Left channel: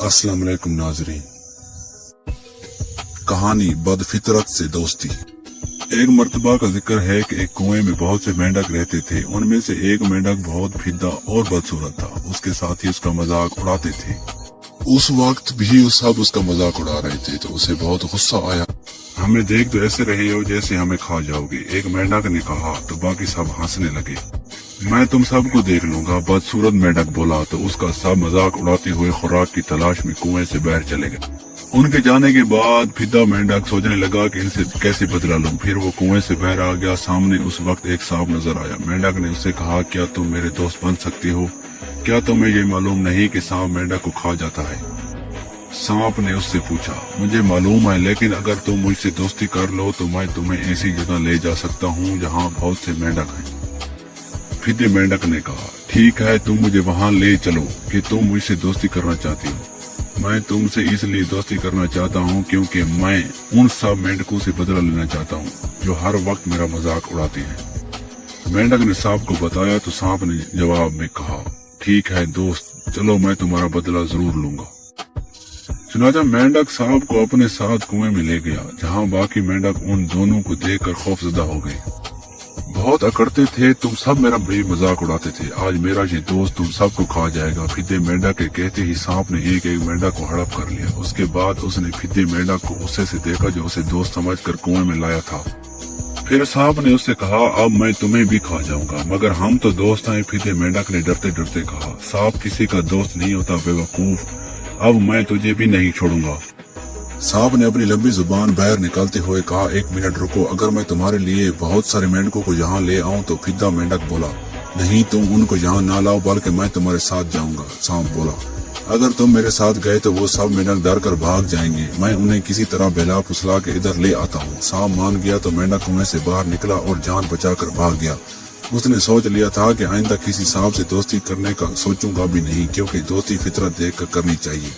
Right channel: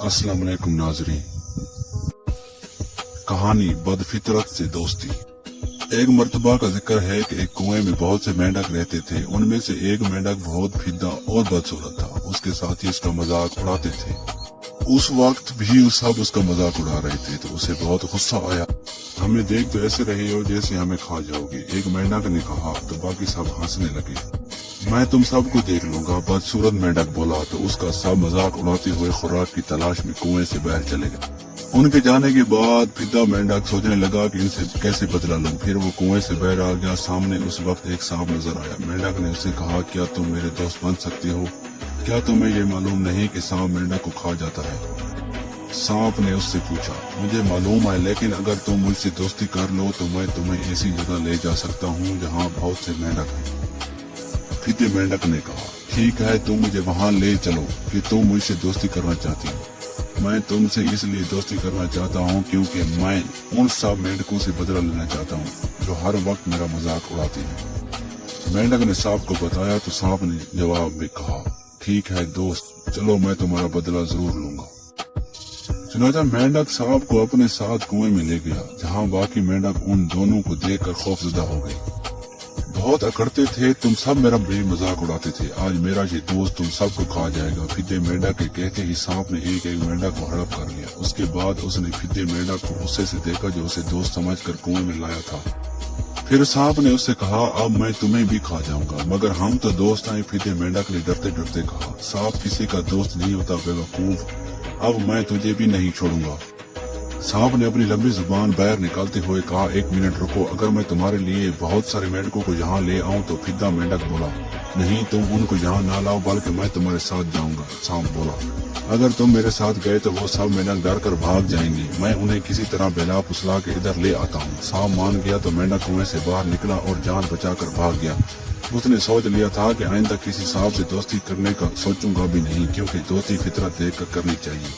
अस्सलाम वालेकुम नाज़रीन। कहानी बदफितरत से दोस्ती। एक मर्तबा का जिक्र है कि एक कुएं में बहुत से मेंढक रहते थे। उनमें से एक मेंढक बहुत फिदा और बदसूरत था। उसके साथी उसका मजाक उड़ाते थे। उस वक्त भी सब उसका मजाक उड़ा रहे थे तो उसे बहुत गुस्सा आया। हमें देख तो ऐसे रहे हो जैसे हमें खा जाओगे, एक मेंढक ने कहा तो बाकी सब हंसने लगे। मैं तुम सबको देख लूंगा, बदसूरत मेंढक बोला तो उसका सब मजाक उड़ाते हुए खुराक की तलाश में कुएं से बाहर चले गए। उनके जाने के बाद फिदा मेंढक सोचने लगा कि इनसे कैसे बदला लूं। फिर वो कुएं से बाहर आ गया। सामने उस वक्त एक सांप नजर आया। मेंढक ने उससे कहा, क्या तुम मेरे दोस्त बन सकते हो? क्या तुम्हें ये मालूम नहीं कि सांप मेंढक को खा जाता है? सांप ने उससे पूछा, मुझे मालूम है, लेकिन अगर तुम मुझसे दोस्ती कर लो तो मैं तुम्हें ऐसी जगह ले जा सकता हूँ जहाँ बहुत से मेंढक हैं। फिदे मेंढक ने कहा, ठीक है, तुम मुझे वहाँ ले चलो कि तुम मुझसे दोस्ती करना चाहती हो। मैं तुमसे इसलिए दोस्ती करना चाहता हूँ क्योंकि मैं उन सब मेंढकों से बदला लेना चाहता हूँ जो हर वक्त मेरा मजाक उड़ाती है। मेंढक ने सांप को बताया तो सांप ने जवाब में कहा, ठीक है दोस्त, चलो मैं तुम्हारा बदला जरूर लूंगा। चुनाचा मेंढक सांप को अपने साथ कुएं में ले गया, जहाँ बाकी मेंढक उन दोनों को देखकर खौफजदा हो गए। बहुत अकड़ते थे, तुम सब मेरा बड़ी मजाक उड़ाते थे, आज मेरा ये दोस्त तुम सबको खा जाएगा। फिदे मेंढक के कहते ही सांप ने एक एक मेंढक को हड़प कर लिया। उसके बाद उसने फिदे मेंढक को गुस्से से देखा जो उसे दोस्त समझकर कुएं में लाया था। फिर सांप ने उससे कहा, अब मैं तुम्हें भी खा जाऊंगा, मगर हम तो दोस्त हैं। फिदे मेंढक ने डरते डरते कहा, सांप किसी का दोस्त नहीं होता बेवकूफ, अब मैं तुझे भी नहीं छोड़ूंगा। सांप ने अपनी लंबी जुबान बाहर निकालते हुए कहा, एक मिनट रुको, अगर मैं तुम्हारे लिए बहुत सारे मेंढकों को यहाँ ले आऊं तो फिदा मेंढक बोला, नहीं, तुम उनको यहाँ ना लाओ बल्कि मैं तुम्हारे साथ जाऊंगा। सांप बोला, अगर तुम मेरे साथ गए तो वो सब मेंढक डर कर भाग जाएंगे, मैं उन्हें किसी तरह बेला फुसला के इधर ले आता हूँ। सांप मान गया तो मेंढक कुएं से बाहर निकला और जान बचाकर भाग गया। उसने सोच लिया था कि आइंदा किसी सांप से दोस्ती करने का सोचूंगा भी नहीं, क्योंकि दोस्ती फितरत देख कर करनी चाहिए।